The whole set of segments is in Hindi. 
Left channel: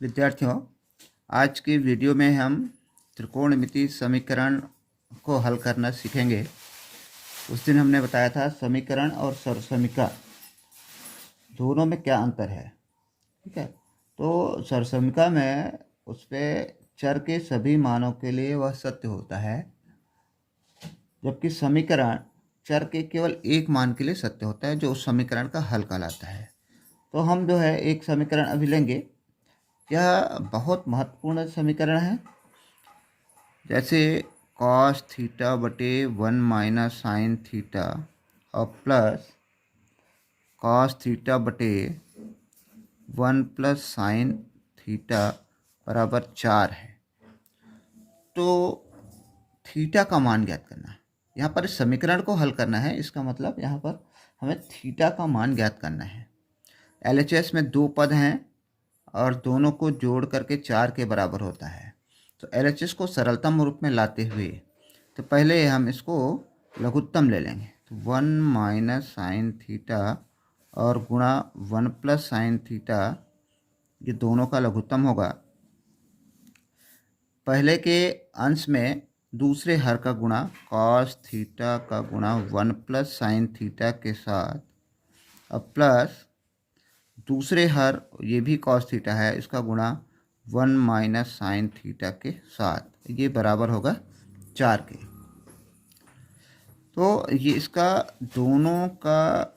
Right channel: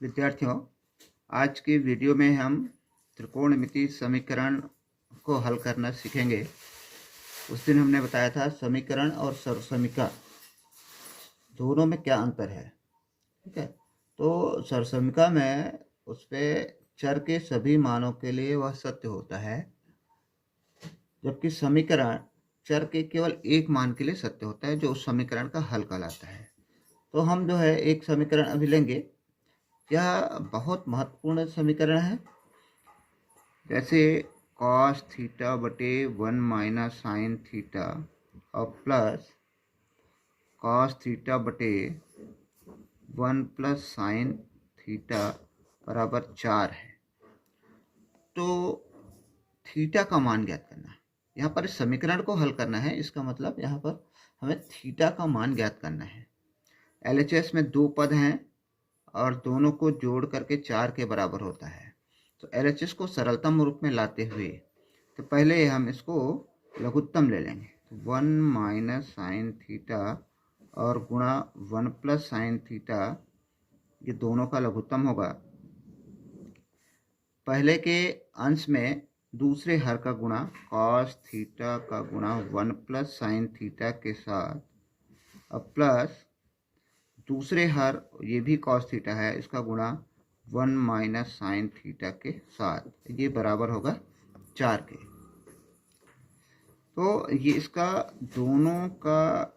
विद्यार्थियों, आज की वीडियो में हम त्रिकोणमितीय समीकरण को हल करना सीखेंगे। उस दिन हमने बताया था समीकरण और सरसमीका दोनों में क्या अंतर है। ठीक है, तो सरसमीका में उस पर चर के सभी मानों के लिए वह सत्य होता है, जबकि समीकरण चर के केवल एक मान के लिए सत्य होता है, जो उस समीकरण का हल कहलाता है। तो हम जो है एक समीकरण अभी लेंगे। यह बहुत महत्वपूर्ण समीकरण है। जैसे कॉस थीटा बटे 1 माइनस साइन थीटा और प्लस कॉस थीटा बटे 1 प्लस साइन थीटा बराबर 4 है। तो थीटा का मान ज्ञात करना है। यहाँ पर इस समीकरण को हल करना है, इसका मतलब यहाँ पर हमें थीटा का मान ज्ञात करना है। LHS में दो पद हैं और दोनों को जोड़ करके 4 के बराबर होता है। तो LHS को सरलतम रूप में लाते हुए तो पहले हम इसको लघुत्तम ले लेंगे। तो 1 माइनस साइन थीटा और गुणा 1 प्लस साइन थीटा, ये दोनों का लघुत्तम होगा। पहले के अंश में दूसरे हर का गुणा कॉस थीटा का गुणा 1 प्लस साइन थीटा के साथ, अब प्लस दूसरे हर, ये भी कॉस थीटा है, इसका गुणा 1 माइनस साइन थीटा के साथ, ये बराबर होगा 4 के। तो ये इसका दोनों का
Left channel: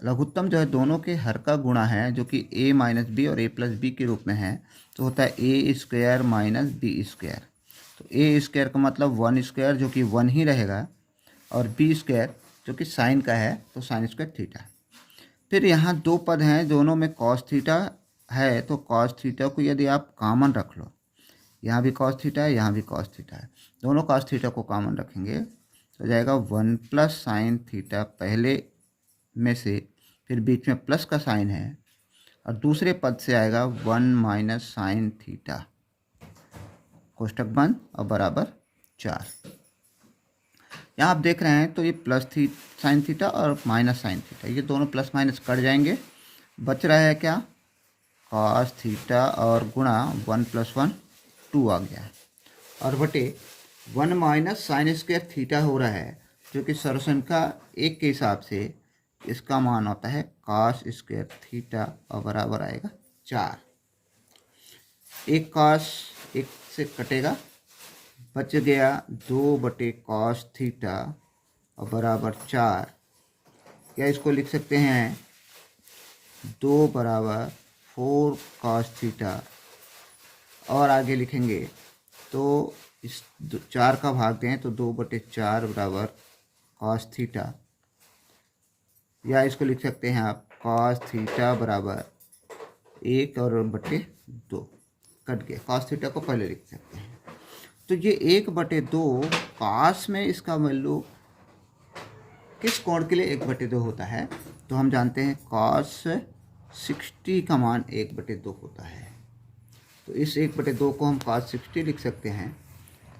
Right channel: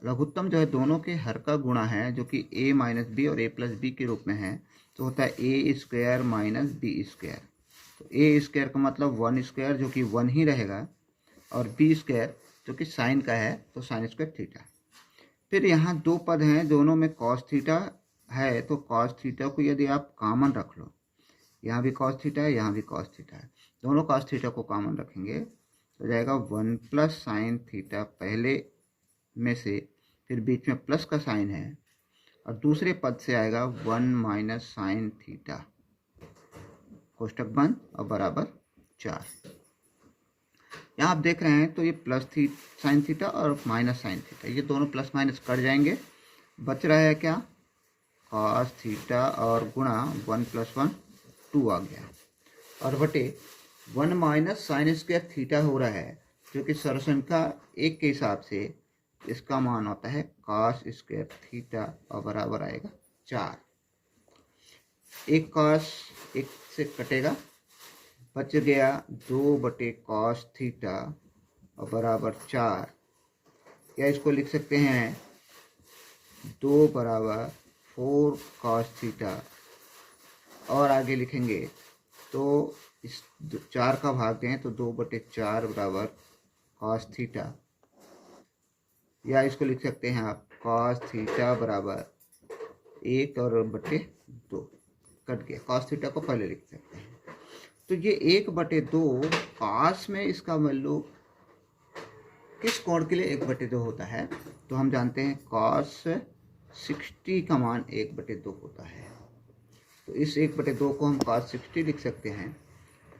लघुत्तम जो है दोनों के हर का गुणा है, जो कि a माइनस बी और a प्लस बी के रूप में है। तो होता है ए स्क्वायर माइनस बी स्क्वायर। तो ए स्क्वायर का मतलब 1 स्क्वायर, जो कि 1 ही रहेगा, और बी स्क्वायर जो कि साइन का है, तो साइन स्क्वायर थीटा। फिर यहाँ दो पद हैं, दोनों में कॉस थीटा है, तो कॉस थीटा को यदि आप कॉमन रख लो, यहाँ भी कॉस थीटा है, यहाँ भी कॉस थीटा है, दोनों कॉस थीटा को कॉमन रखेंगे तो जाएगा 1 प्लस साइन थीटा पहले में से, फिर बीच में प्लस का साइन है, और दूसरे पद से आएगा 1 माइनस साइन थीटा, कोष्टक बंद और बराबर 4। यहाँ आप देख रहे हैं तो ये प्लस साइन थीटा और माइनस साइन थीटा, ये दोनों प्लस माइनस कट जाएंगे। बच रहा है क्या, कॉस थीटा और गुणा 1 प्लस 1 2 आ गया, और बटे 1 माइनस साइन स्क्वायर थीटा हो रहा है, जो कि सरसंख्या 1 के हिसाब से इसका मान होता है कॉस स्क्वायर थीटा और बराबर आएगा 4। एक कॉस एक से कटेगा, बच गया 2 बटे कॉस थीटा और बराबर 4, या इसको लिख सकते हैं 2 बराबर 4 कॉस थीटा, और आगे लिखेंगे तो इस 4 का भाग दें तो 2 बटे 4 बराबर कॉस थीटा, या इसको लिख सकते हैं आप कॉस थीटा बराबर 1 और बटे 2, कट गया, कॉस थीटा को पहले लिख सकते हैं। तो ये 1 बटे 2 कॉस में इसका वैल्यू किस कोण के लिए 1 बटे 2 होता है, तो हम जानते हैं कॉस 60 का मान 1 बटे 2 होता है। तो इस 1 बटे 2 को हम कॉस 60 लिख सकते हैं,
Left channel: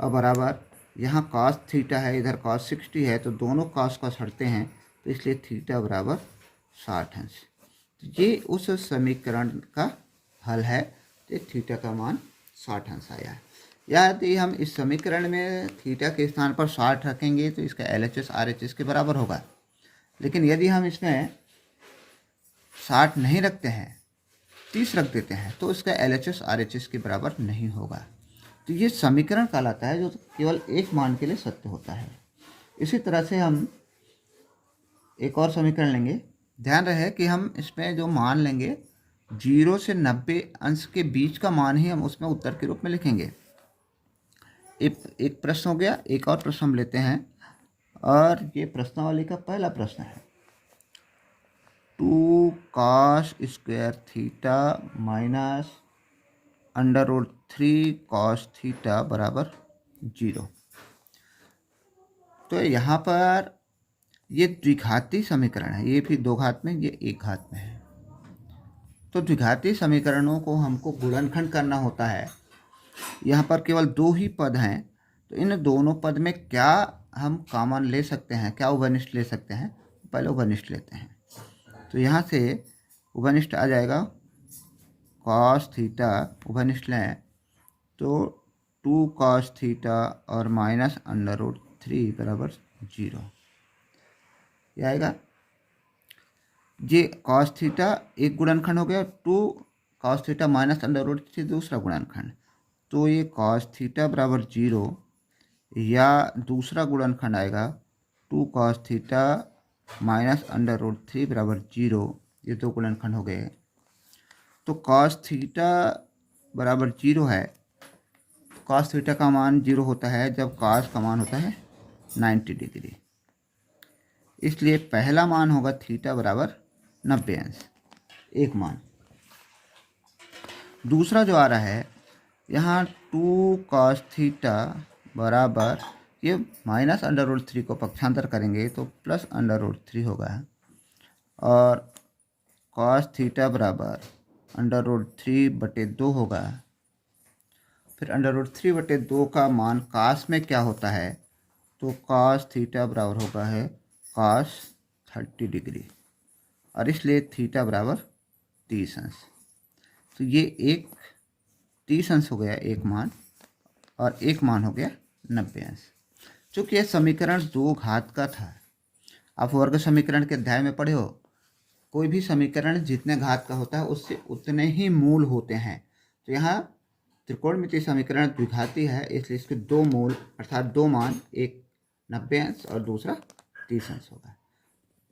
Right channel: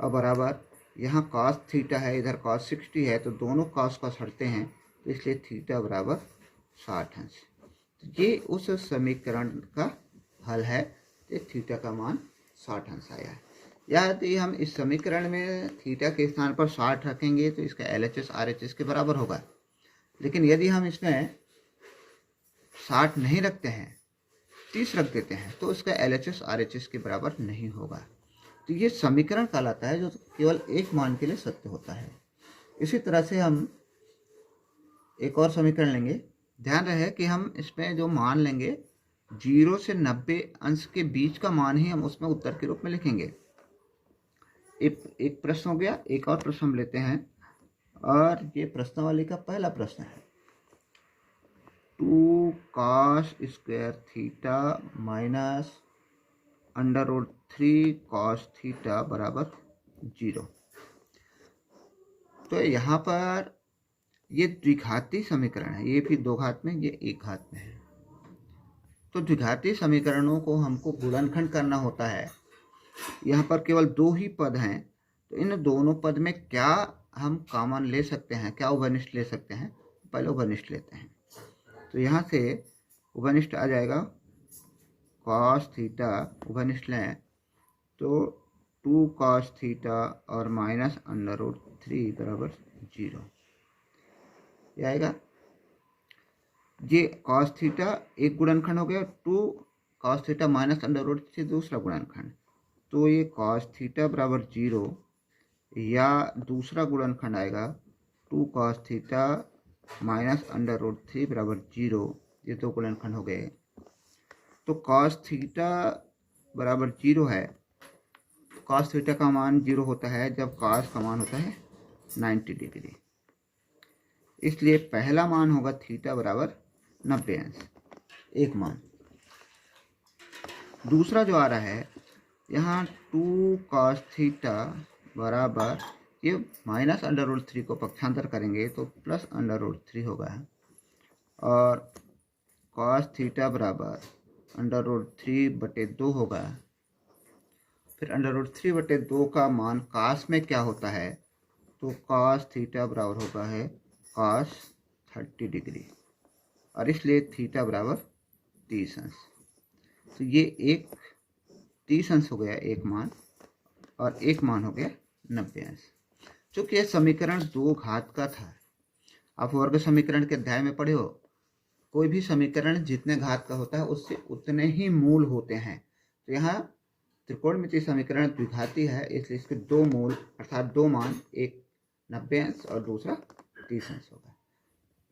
और बराबर यहाँ कॉस थीटा है, इधर कॉस 60 है, तो दोनों कॉस हटते हैं, तो इसलिए थीटा बराबर 60 अंश। तो ये उस समीकरण का हल है, तो थीटा का मान 60 अंश आया। यदि हम इस समीकरण में थीटा के स्थान पर 60 रखेंगे तो इसका LHS RHS के बराबर होगा। लेकिन यदि हम इसमें 60 नहीं रखते हैं, 30 रख देते हैं, तो इसका LHS RHS के बराबर नहीं होगा। तो ये समीकरण कहलाता है जो केवल एक मान के लिए सत्य होता है। इसी तरह से हम एक और समीकरण लेंगे। ध्यान रहे कि हम इसमें जो मान लेंगे 0 से 90 अंश के बीच का मान ही हम उसमें उत्तर के रूप में लिखेंगे। एक प्रश्न हो गया, एक और प्रश्न हम लेते हैं, और ये प्रश्नावली का पहला प्रश्न है। 2 cos square theta minus √3 cos theta बराबर 0। तो यहाँ पर ये द्विघाती समीकरण है, ये भी 2 घात में, ये 1 घात में है। तो द्विघाती समीकरणों को हमको गुणनखंड करना होता है। यहाँ पर केवल 2 ही पद हैं, तो इन दोनों पद में क्या हम कॉमन ले सकते हैं, क्या उभयनिष्ठ ले सकते हैं, पहले उभयनिष्ठ लेते हैं। तो यहाँ से उभयनिष्ठ आ जाएगा कॉस थीटा उभयनिष्ठ लें तो 2 कॉस थीटा और माइनस अंडर रूट 3 बराबर 0 ये आएगा। ये कॉस थीटा एक गुणनखंड हो गया, 2 cos theta minus under root 3 दूसरा गुणनखंड, तो ये कॉस थीटा बराबर 0 या दूसरा गुणनखंड आएगा 2 cos theta minus under root 3 बराबर 0। ये दो गुणनखंड हो गए। तो कॉस थीटा बराबर 0 है। कॉस थीटा का मान 0 होता है जब कॉस का मान होता है 90 डिग्री, इसलिए पहला मान होगा थीटा बराबर 90 अंश, एक मान। दूसरा जो आ रहा है यहाँ 2 कॉस थीटा बराबर, ये माइनस अंडर रूट 3 को पक्षांतर करेंगे तो प्लस अंडर रूट 3 होगा, और कॉस थीटा बराबर अंडर रूट 3/2 होगा। फिर अंडर रूट 3/2 का मान कॉस में क्या होता है, तो कॉस थीटा बराबर होगा है कॉस 30 डिग्री, और इसलिए थीटा बराबर 30 अंश। तो ये एक 30 अंश हो गया एक मान, और एक मान हो गया 90 अंश। चूँकि यह समीकरण 2 घात का था, आप वर्ग समीकरण के अध्याय में पढ़े हो, कोई भी समीकरण जितने घात का होता है उससे उतने ही मूल होते हैं। तो यहाँ त्रिकोणमितीय समीकरण द्विघाती है, इसलिए इसके 2 मूल अर्थात 2 मान, एक 90 अंश और दूसरा 30 अंश होगा।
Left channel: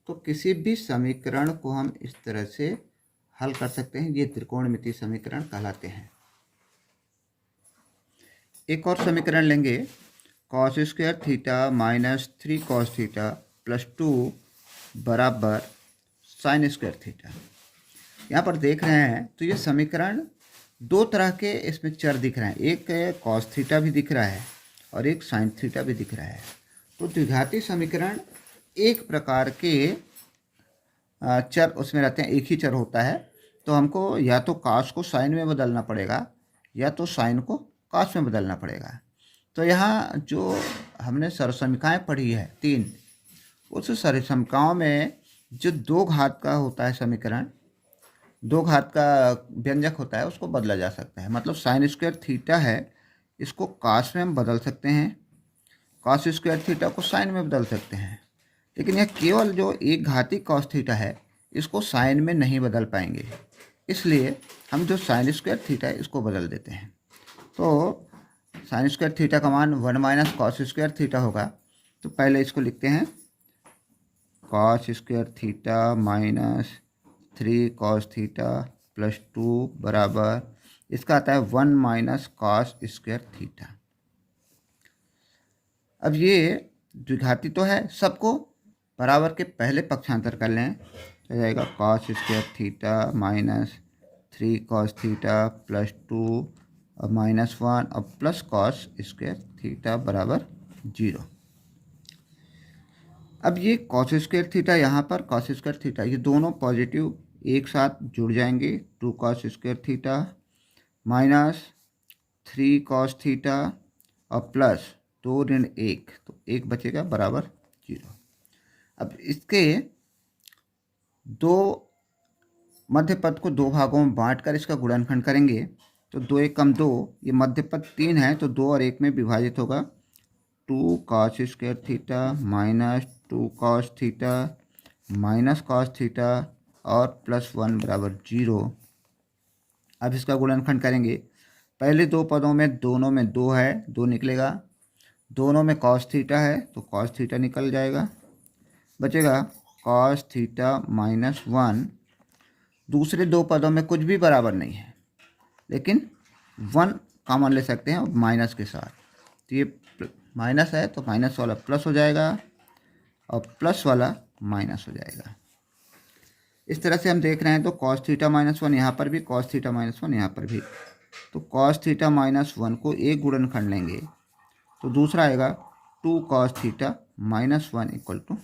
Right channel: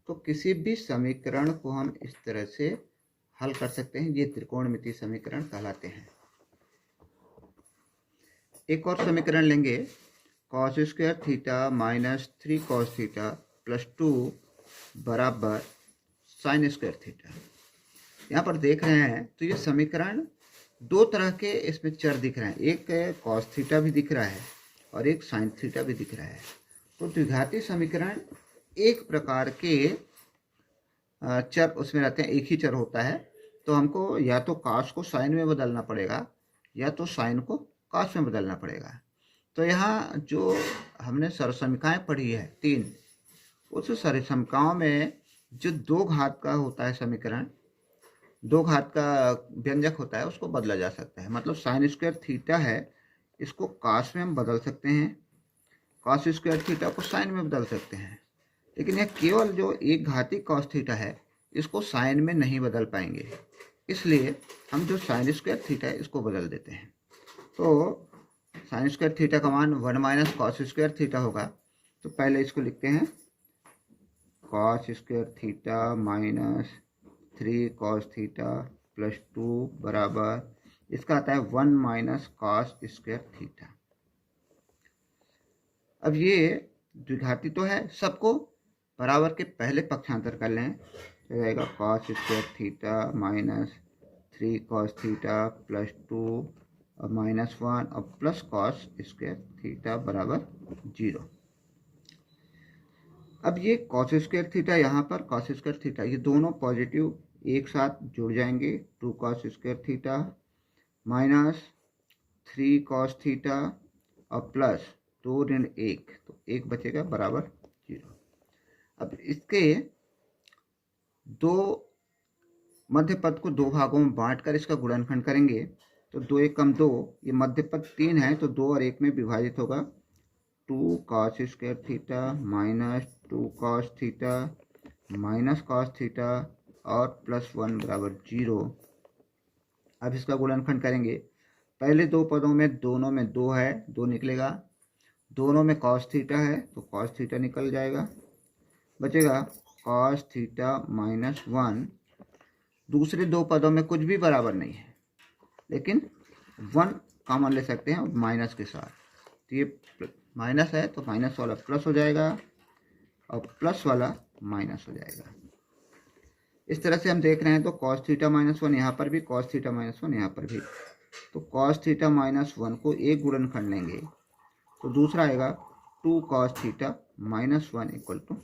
तो किसी भी समीकरण को हम इस तरह से हल कर सकते हैं, ये त्रिकोणमितीय समीकरण कहलाते हैं। एक और समीकरण लेंगे, cos square theta minus 3 cos theta plus 2 बराबर साइन स्क्वायर थीटा। यहाँ पर देख रहे हैं तो ये समीकरण दो तरह के इसमें चर दिख रहे हैं, एक कॉस थीटा भी दिख रहा है और एक साइन थीटा भी दिख रहा है। तो द्विघाती समीकरण एक प्रकार के चर उसमें रहते हैं, एक ही चर होता है, तो हमको या तो कॉस को साइन में बदलना पड़ेगा या तो साइन को कॉस में बदलना पड़ेगा। तो यहाँ जो हमने सरसमिकाएँ पढ़ी है 3, उस सरसमिकाओं में जो 2 घात का होता है समीकरण, 2 घात का व्यंजक होता है, उसको बदला जा सकता है। मतलब साइन स्क्वायर थीटा है, इसको कॉस में हम बदल सकते हैं, कॉस स्क्वायर थीटा को साइन में बदल सकते हैं, लेकिन यह केवल जो एक घाती कॉस थीटा है इसको साइन में नहीं बदल पाएंगे, इसलिए हम जो साइन स्क्वायर थीटा है इसको बदल देते हैं। तो साइन स्क्वायर थीटा का मान 1 माइनस कॉस स्क्वायर थीटा होगा। तो पहले इसको लिखते हैं, cos square theta minus 3 cos theta plus 2 बराबर, इसका आता है 1 माइनस कॉस स्क्वायर थीटा। अब ये द्विघाती तो है, सबको बराबर के पहले पक्षांतर कर लें तो जाएगा cos square theta minus 3 cos theta plus 2 और माइनस 1 और प्लस कॉस स्क्वायर थीटा बराबर 0। अब ये कॉस स्क्वायर थीटा, यहाँ पर कॉस स्क्वायर थीटा, ये दोनों पॉजिटिव एक साथ जुड़ जाएंगे, 2 cos square theta minus 3 cos theta और प्लस 2 ऋण 1, तो 1 बचेगा बराबर 0। अब इसके दो मध्य पद को 2 भागों में बांटकर इसका गुणनखंड करेंगे, तो 2 1 कम 2, ये मध्य पद 3 है तो 2 और 1 में विभाजित होगा, 2 cos square theta minus 2 cos theta minus cos theta और प्लस 1 बराबर 0। अब इसका गुणनखंड करेंगे, पहले 2 पदों में दोनों में 2 है, 2 निकलेगा, दोनों में कॉस थीटा है तो कॉस थीटा निकल जाएगा, बचेगा कॉस थीटा माइनस 1। दूसरे 2 पदों में कुछ भी बराबर नहीं है, लेकिन 1 कॉमन ले सकते हैं माइनस के साथ, तो ये माइनस है तो माइनस वाला प्लस हो जाएगा और प्लस वाला माइनस हो जाएगा। इस तरह से हम देख रहे हैं, तो कॉस थीटा माइनस 1 यहाँ पर भी, कॉस थीटा माइनस 1 यहाँ पर भी, तो कॉस थीटा माइनस 1 को एक गुणनखंड लेंगे तो दूसरा आएगा 2 cos theta minus 1 equal to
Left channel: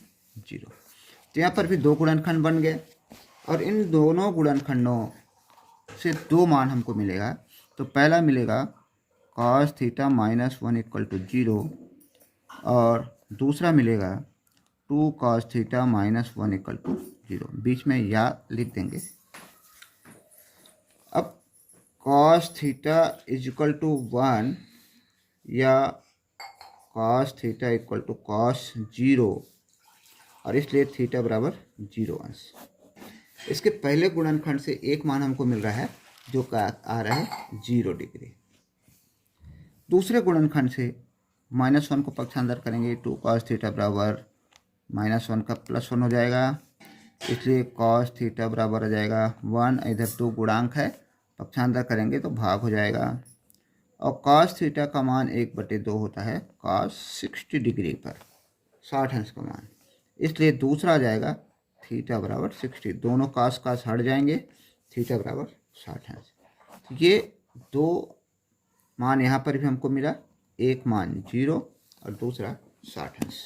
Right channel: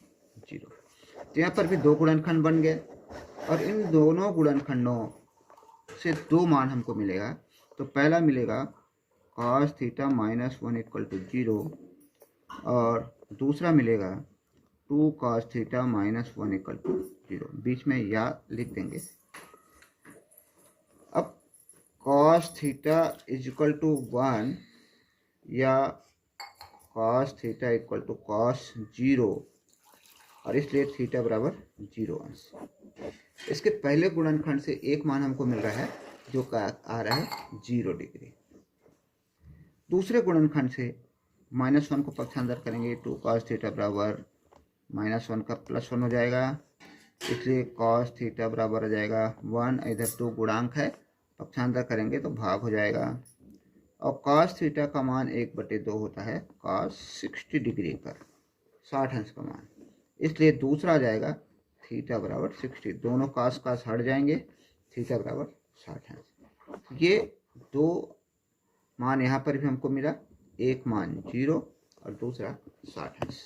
0। तो यहाँ पर भी 2 गुणनखंड बन गए, और इन दोनों गुणनखंडों से 2 मान हमको मिलेगा। तो पहला मिलेगा cos theta minus 1 equal to 0, और दूसरा मिलेगा 2 cos theta minus 1 equal to 0। बीच में या लिख देंगे। अब cos theta is equal to 1 या cos theta equal to cos 0, और इसलिए थीटा बराबर 0 अंश। इसके पहले गुणनखंड से एक मान हमको मिल रहा है जो का आ रहा है 0 डिग्री। दूसरे गुणनखंड से -1 को पक्षांतर करेंगे, 2 कॉस थीटा बराबर -1 का +1 हो जाएगा, इसलिए कॉस थीटा बराबर हो जाएगा 1, इधर 2 गुणांक है, पक्षांतर करेंगे तो भाग हो जाएगा, और कॉस थीटा का मान 1/2 होता है कॉस 60 डिग्री पर 60 अंश का मान, इसलिए दूसरा आ जाएगा थीटा बराबर 60। दोनों कास हट जाएंगे, थीटा बराबर 60 अंश। ये दो मान यहाँ पर भी हमको मिला, एक मान 0 और दूसरा 60 अंश।